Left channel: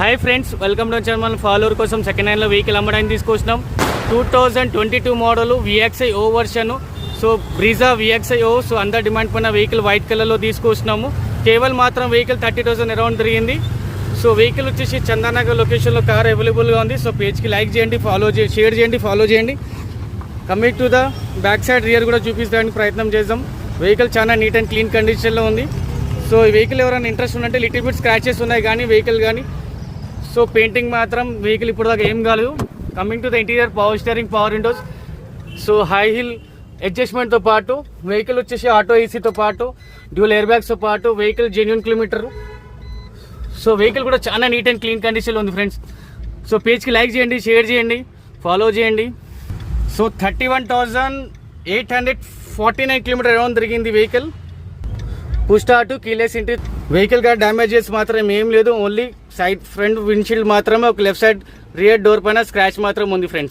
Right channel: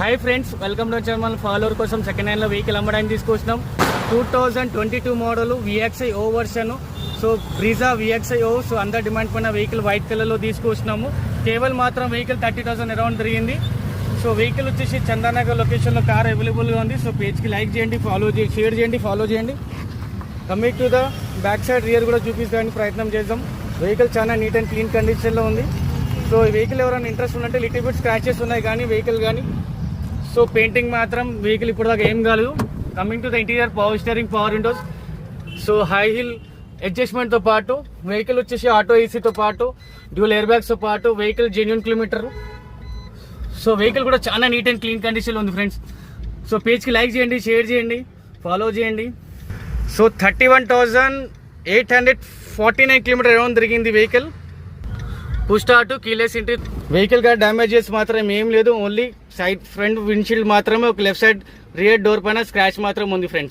Hi friends, welcome to channel. Follower కోసం second హ్యాండ్లో vehicle అమ్మడానికి తీసుకొచ్చినాం. 2022 model VXI O version. So Brezza VXI O. So అందరు demand పైన వెహికల్ వైట్ కలర్లో తీసుకొచ్చినాము. కేవలం మాత్రం వెహికల్ 30,000 అరౌండ్ తిరిగింది. సో వెహికల్ వచ్చేసి చందానగర్ లొకేషన్లో కార్ అవైలబుల్గా ఉంది. సో పేజ్కి లైక్ చేయండి, షేర్ చేయండి, ఫాలో చేయండి. Coming to the back side rear కూడా చూపించడానికి ప్రయత్నం చేద్దాం. వెహికల్ చాలా నీట్ అండ్ క్లీన్ కండిషన్లో ఉంది. సో ఈ వెహికల్ ఎవరైనా ఇంట్రెస్ట్ ఉందంటే లిటిల్ బిట్ స్క్రాచెస్ ఉన్నాయి కానీ వెహికల్ కానీ. సో పెయింటింగ్ మాత్రం వెహికల్ ఇప్పుడు దాకా ఏం కాలేదు. Coming to the interior, power steering, power windows. So high hill అడ్జస్ట్మెంట్తో పాటు వెహికల్ వచ్చేసి ఆటో ఏసీతో పాటు డ్యూల్ ఎయిర్ బ్యాగ్స్తో పాటు vehicle genuine kilometre. So vehicle కూడా చాలా నీట్ అండ్ క్లీన్ కండిషన్లో ఉంది ఫ్రెండ్స్. సో పేజ్కి లైక్ చేయండి, షేర్ చేయండి, ఫాలో చేయండి. సో 31,849 కిలోమీటర్ అరౌండ్ తిరిగింది vehicle. Push start, keyless entry. Vehicle గా డ్యామేజెస్ మాత్రం ఏం లేదు. ఓన్లీ సైడ్ ఫ్రంట్ విండ్షీల్డ్ మాత్రమే, ఒక లెఫ్ట్ సైడ్ రియర్ డోర్ పైన స్క్రాచ్ మాత్రం ఉంది ఫ్రెండ్స్.